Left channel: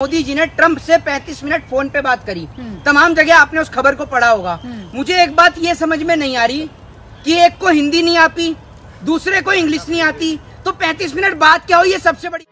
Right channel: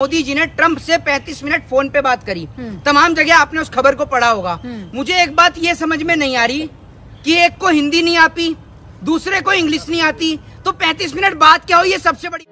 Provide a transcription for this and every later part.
मोदी जी ने ट्रंप से 35 minute phone पे बात करी। तमाम जगह आपने उस खबर को पढ़ा होगा। मुझे एक बात ये समझ में नहीं आ रही कि एक को हिंदी नहीं आती, दूसरे को इंग्लिश नहीं आती, तो 35 मिनट बात क्या हो, ये सबसे बड़ी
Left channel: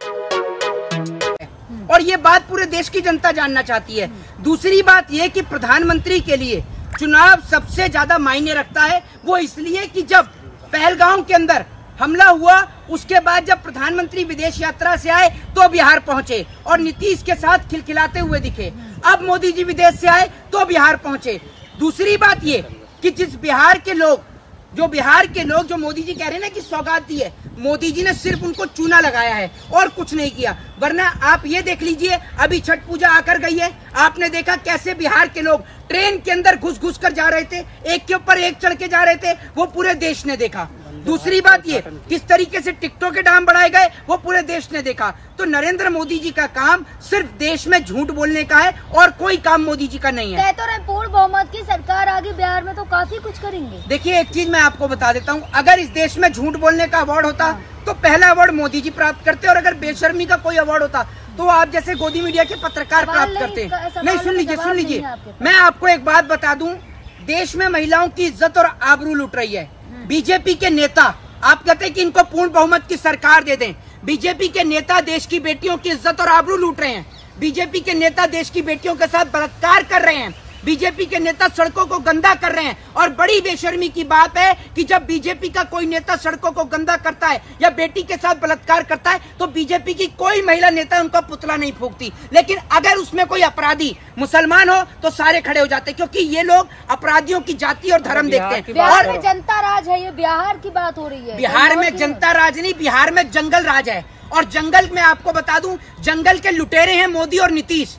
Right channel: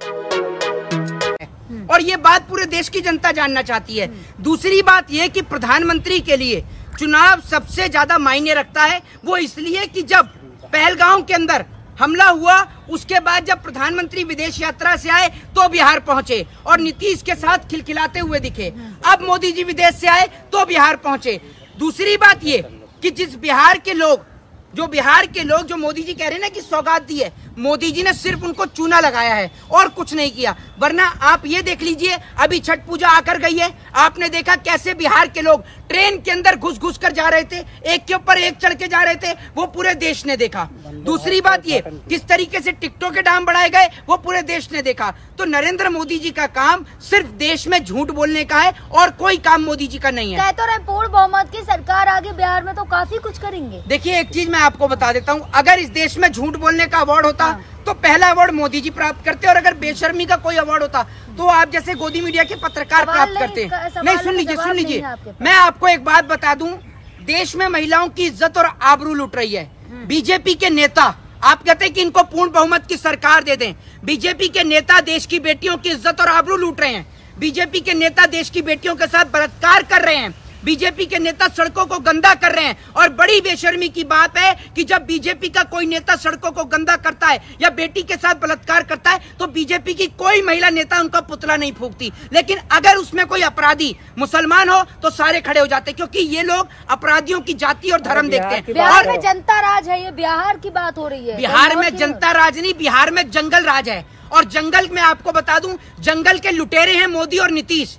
और ये बात पूरे देश की जनता जानना चाहती है। दूसरी बात ये कि प्रधानमंत्री के लिए चुनाव सबसे ज्यादा मायने रखता है। वो इसलिए कि जब पहलगांव के अंदर हमला हुआ, उसके बाद जब प्रधानमंत्री विदेश यात्रा से आए तो बिहार पहुंचे और नीतीश के साथ खिलखिलाते हुए दिखे। अब मोदी जी विदेश से आए तो बिहार पहुंचे। दूसरी बात ये कि बिहार के लोग जो मोदी जी कह रहे हैं ना कि सौगात दी है, मोदी जी ने सिर्फ उनको चूना लगाया है और कुछ नहीं किया। वरना आप ये देख लीजिए, अभी छठ पूजा आकर गई है, आपने देखा कैसे बिहार के लोग ट्रेन के अंदर घुस कर जा रहे थे, एक के ऊपर एक चढ़ के जा रहे थे, वो पूरे देश ने देखा। दूसरी बात ये, किस तरीके से टिकटों के दाम बढ़ाए गए, वो पूरे देश ने देखा। तो नरेंद्र मोदी जी का काम सिर्फ देश में झूठ बोलने का है और कोई काम मोदी जी का नहीं है। तो पूर्ण बहुमत की सरकार आगे बिहार में तो काफी कुछ करेंगे। देखिए, एक चीज मैं आपको बता देता हूँ, अगर इस देश में झूठ बोलने का अवार्ड होता तो पहला अवार्ड मोदी जी प्राप्त करते, और अगर बेशर्मी का कोई अवार्ड होता तो आप जैसे गोदी मीडिया के पत्रकार प्राप्त करते। नहीं, सुन लीजिए, मैं आपको एक बात बता दूं, देश में महिलाओं की इज्जत और आबरू लुट रही है। बीजेपी के नेता, आप कहते हैं कि इनको पूर्ण बहुमत की सरकार दे दें, बीजेपी के नेता देश की बेटियों की इज्जत और आबरू लूट रहे हैं। बीजेपी के नेता देश की बेटियों के साथ बलात्कार कर रहे हैं। बीजेपी के नेता सड़कों को गंदा कर रहे हैं। और बड़ी बेशर्मी की बात है कि जब बीजेपी का कोई नेता सड़कों को गंदा करता है या बेटी के साथ बलात्कार करता है तो बीजेपी की कोई महिला नेता उनका पुतला नहीं फूंकती। लेकिन अगर उसमें कोई अपराधी मुसलमान हो तो सारे खड़े हो जाते, क्योंकि ये लोग अपराधियों की जाति और धर्म देखते हैं। और जनता राज है, ये बिहार की बात हो रही है। बिहार में जनता राज नहीं, बिहार में जंगल राज है। और जंगल में आपको बता दूं, जंगल के लुटेरे हैं मोदी और नीतीश।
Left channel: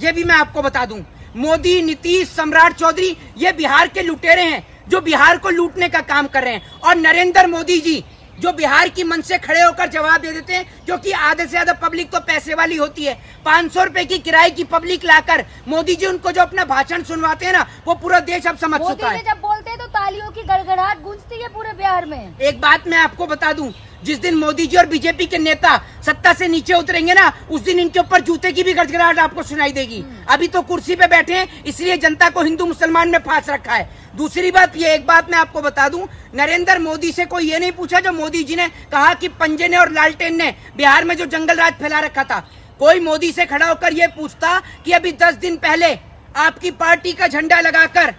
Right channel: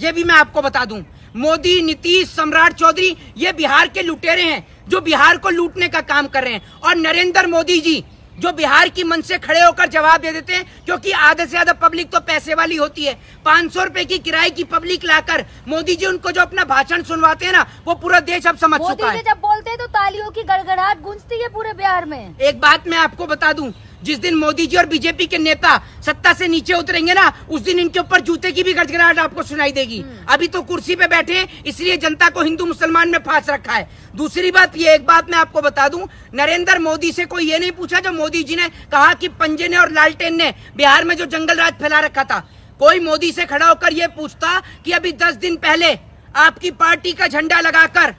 ये भी मैं आपको बता दूं, मोदी, नीतीश, सम्राट चौधरी, ये बिहार के लुटेरे हैं जो बिहार को लूटने का काम कर रहे हैं। और नरेंद्र मोदी जी जो बिहार की मन से खड़े होकर जवाब दे देते हैं, क्योंकि आधे से ज्यादा पब्लिक तो पैसे वाली होती है। 500 रुपए की किराए की पब्लिक लाकर मोदी जी उनको जो अपना भाषण सुनवाते हैं ना, वो पूरा देश अब समझ चुका है। जब बोलते हैं तो तालियों की गड़गड़ाहट गूंजती है पूरे बिहार में। एक बात मैं आपको बता दूं, जिस दिन मोदी जी और बीजेपी के नेता सत्ता से नीचे उतरेंगे ना, उस दिन इनके ऊपर जूते की भी गड़गड़ाहट आपको सुनाई देगी। अभी तो कुर्सी पे बैठे हैं, इसलिए जनता को हिंदू मुसलमान में फांस रखा है। दूसरी बात ये, एक बात मैं आपको बता दूं, नरेंद्र मोदी से कोई ये नहीं पूछा जो मोदी जी ने कहा कि पंजे ने और लालटेन ने बिहार में जो जंगल राज फैला रखा था। कोई मोदी से खड़ा होकर ये पूछता कि अभी 10 दिन पहले आपकी पार्टी का झंडा लगाकर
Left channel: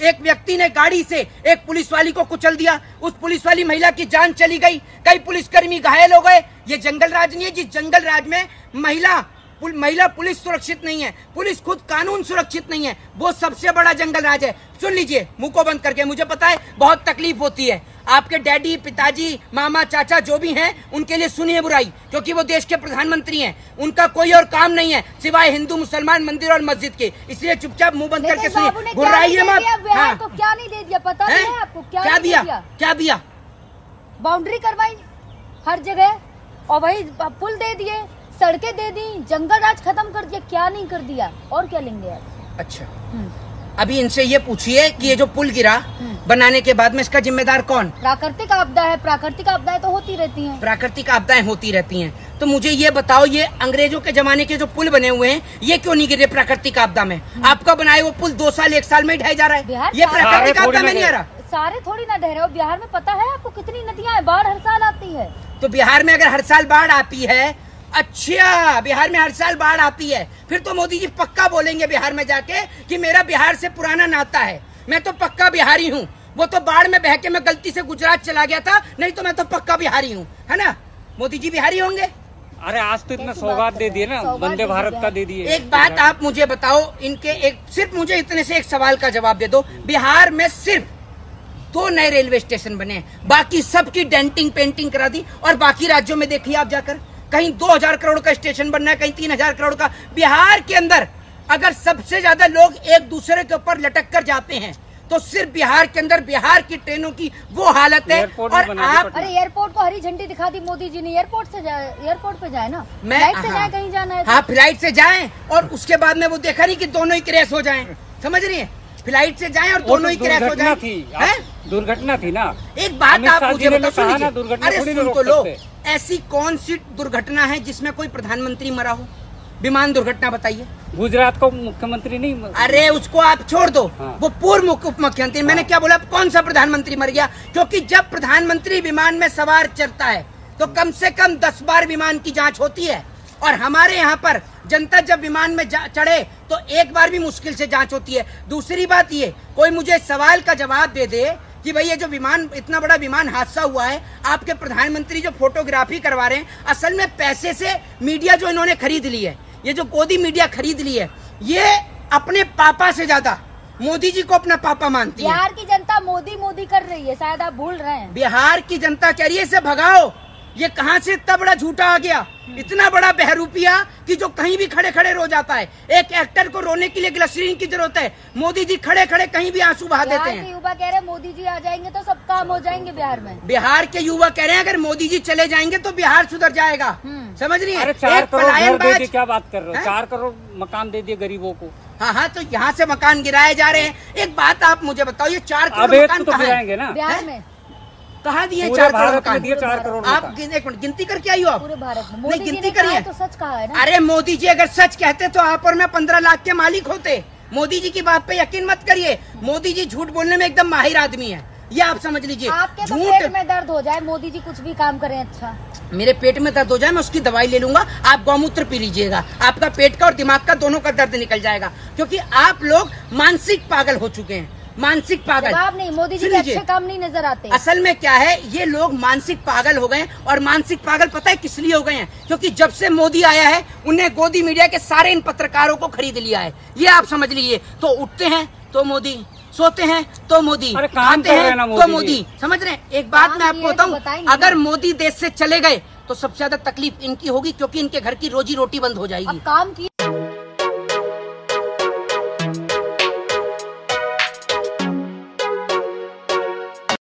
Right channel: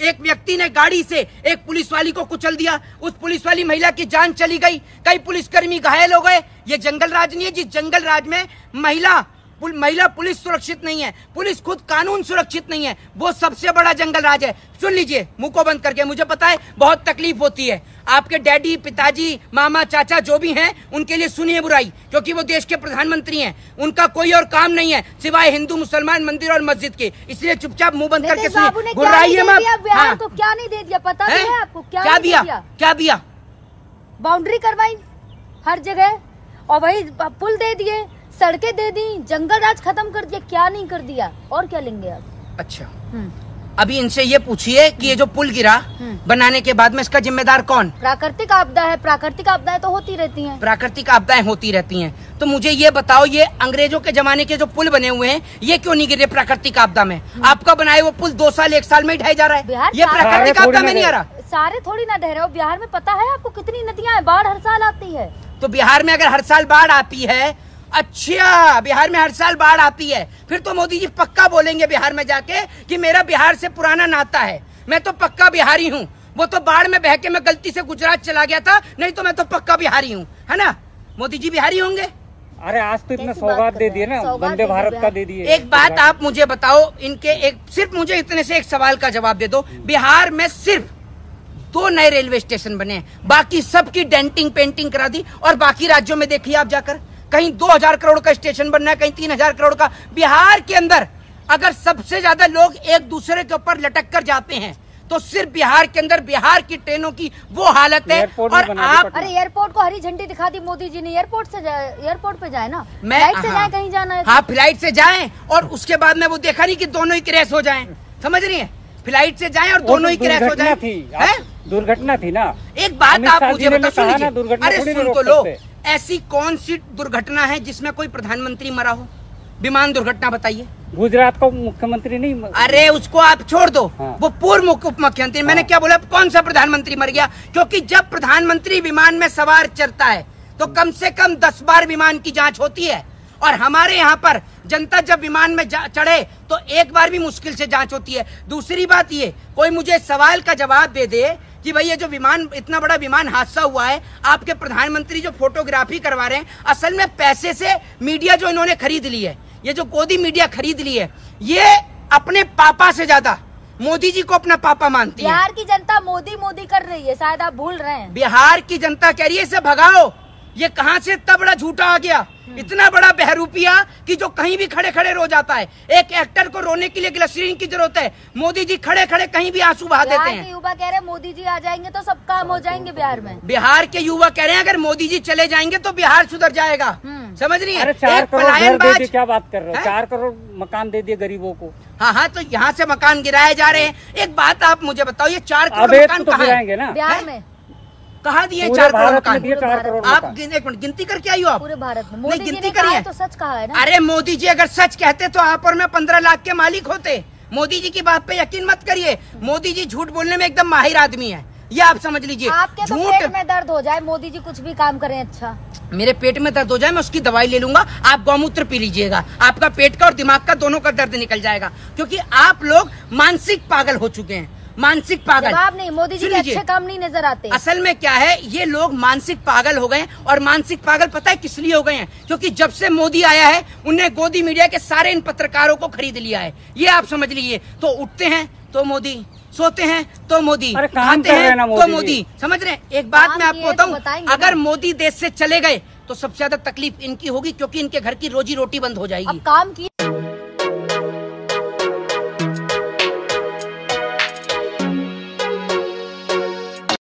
एक व्यक्ति ने गाड़ी से एक पुलिस वाली को कुचल दिया, उस पुलिस वाली महिला की जान चली गई, कई पुलिसकर्मी घायल हो गए। ये जंगल राज नहीं है। जिस जंगल राज में महिला पुलिस सुरक्षित नहीं है, पुलिस खुद कानून सुरक्षित नहीं है, वो सबसे बड़ा जंगल राज है। सुन लीजिए मुंह को बंद करके, मुझे पता है बहुत तकलीफ होती है, आपके डैडी, पिताजी, मामा, चाचा जो भी हैं उनके लिए सुनिए बुराई, क्योंकि वो देश के प्रधानमंत्री हैं। उनका कोई और काम नहीं है सिवाय हिंदू मुसलमान मंदिर और मस्जिद के, इसलिए चुपचाप मुंह बंद करके सुनिए। गुर्राइए मत। हाँ, तो क्या नहीं दे दिया, पता है आपको? क्या दिया? बाउंड्री करवाई हर जगह, और वही पुल दे दिए, सड़कें दे दी, जंगल राज खत्म कर दिया। क्या नहीं कर दिया, और क्या लेंगे आप? अच्छा, अभी इनसे ये पूछिए कि ये जो पुल गिरा बनाने के बाद में, इसका जिम्मेदार कौन? प्राकृतिक आपदा है। प्राकृतिक आपदाएं तो होती रहती हैं। प्राकृतिक आपदाएं होती रहती हैं। तो मुझे ये बताओ, ये अंग्रेजों के जमाने के जो पुल बने हुए हैं, ये क्यों नहीं गिरे प्राकृतिक आपदा में? आपका बनाए वो पुल 2 साल 1 साल में ढह जा रहा है। ये प्राकृतिक आपदा में नहीं आ रहा। सारे थोड़ी ना ढह रहे हो। बिहार में पता है आपको कितनी नदियां हैं? बाढ़ हर साल आती है। तो बिहार में अगर हर साल बाढ़ आती है, अच्छा, बिहार में हर साल बाढ़ आती है, फिर तो मोदी जी पक्का बोलेंगे बिहार में जाके कि मेरा बिहार से पुराना नाता है, मैं तो पक्का बिहारी हूँ। वो तो बाढ़ में बह के मैं गलती से गुजरात चला गया था, नहीं तो मैं तो पक्का बिहारी हूँ, है ना? मोदी जी बिहारी होंगे? अरे आज तो इतना सौगात दे दिए ना, वंदे भारत का दे दिए। एक बात आप मुझे बताओ, सिर्फ मुझे इतने से एक सवाल का जवाब दे दो। बिहार में सिर्फ 2 नए रेलवे स्टेशन बने, बाकी सबकी डेंटिंग पेंटिंग करा दी। और बाकी राज्यों में देखिए आप जाकर, कहीं 2000 करोड़ का स्टेशन बनना है, कहीं 3000 करोड़ का। बिहार के अंदर अगर सबसे ज्यादा लोग एक दूसरे के ऊपर लटक कर जाते हैं तो सिर्फ बिहार के अंदर बिहार की ट्रेनों की वो हालत है। और आप, अरे एयरपोर्ट को हरी झंडी दिखा दी मोदी जी ने, एयरपोर्ट पे जाए ना, मैं फ्लाइट से जाए, कहीं जाना है। हाँ, फ्लाइट से जाएं, और उसके बाद में वो देखा नहीं कि दोनों ही क्रैश हो जाएं। समझ रही है? फ्लाइट से जाएं और दोनों ही क्रैश हो जाएं। दुर्घटना थी ना। एक बात आप मुझे बता, सुन लीजिए, अरे सुन तो लो, ऐसी कौन सी दुर्घटना है जिसमें कोई प्रधानमंत्री मरा हो? विमान दुर्घटना बताइए। गुजरात का मुख्यमंत्री नहीं, अरे उसको आप छोड़ दो। हाँ। वो पूर्व उप मुख्यमंत्री। मैंने क्या बोला, कौन सा प्रधानमंत्री मर गया? क्योंकि जब प्रधानमंत्री विमान में सवार चढ़ता है तो कम से कम 10 बार विमान की जांच होती है, और हमारे यहाँ पर जनता जब विमान में चढ़े तो एक बार भी मुश्किल से जांच होती है। दूसरी बात ये, कोई मुझे सवाल का जवाब दे दे कि भाई ये जो विमान, इतना बड़ा विमान हादसा हुआ है, आपके प्रधानमंत्री जो फोटोग्राफी करवा रहे हैं, असल में पैसे से मीडिया जो इन्होंने खरीद ली है, ये जो गोदी मीडिया खरीद ली है, ये अपने पापा से ज्यादा मोदी जी को अपना पापा मानती है। बिहार की जनता मोदी मोदी कर रही है, शायद आप भूल रहे हैं। बिहार की जनता कह रही है इसे भगाओ। ये कहां से इतना बड़ा झूठा आ गया, इतना बड़ा बहरूपिया कि जो कहीं भी खड़े खड़े रो जाता है। एक एक्टर को रोने के लिए ग्लिसरीन की जरूरत है, मोदी जी खड़े खड़े कहीं भी आंसू बहा देते हैं। युवा कह रहे हैं मोदी जी आ जाएंगे तो सब काम हो जाएंगे बिहार में। बिहार के युवा कह रहे हैं अगर मोदी जी चले जाएंगे तो बिहार सुधर जाएगा। समझ रही है? एक पलायनबाज। क्या बात कर रहे हो? 4 करोड़ मकान दे दिए गरीबों को। हाँ, तो यहाँ से मकान गिराए जा रहे हैं। एक बात आप मुझे बताओ, ये 4 करोड़ मकान कहाँ है? बिहार में कहाँ दिए 4 करोड़ मकान? 4 करोड़ आप एक मिनट गिनती करके आई हो आप? पूरे भारत में नहीं गिनती करी है तो सच कहा है ना। अरे मोदी जी अगर सच कहते तो आप और मैं 15 लाख के मालिक होते। मोदी जी की बात पे यकीन मत करिए। मोदी जी झूठ बोलने में एकदम माहिर आदमी है, ये आप समझ लीजिए। झूठ पेट में दर्द हो जाए, मोदी जी कुछ भी काम करें अच्छा। मेरे पेट में दर्द हो जाए मैं उसकी दवाई ले लूंगा, आप गौमूत्र पी लीजिएगा, आपका पेट का और दिमाग का दोनों का दर्द निकल जाएगा। क्योंकि आप लोग मानसिक पागल हो चुके हैं, मानसिक पागल। नहीं, मोदी जी के अच्छे काम नहीं नजर आते। असल में क्या है, ये लोग मानसिक पागल हो गए। और मानसिक पागल पता है किस लिए हो गए हैं? क्योंकि जब से मोदी आया है उन्हें गोदी मीडिया के सारे इन पत्रकारों को खरीद लिया है, ये आप समझ लीजिए। तो उठते हैं तो मोदी, सोते हैं तो मोदी, खाते हैं तो मोदी। समझ रहे हैं? एक बात मैं आपको बताऊं, अगर मोदी देश से चले गए तो सबसे ज्यादा तकलीफ इनकी होगी, क्योंकि इनके घर की रोजी रोटी बंद हो जाएगी। काम की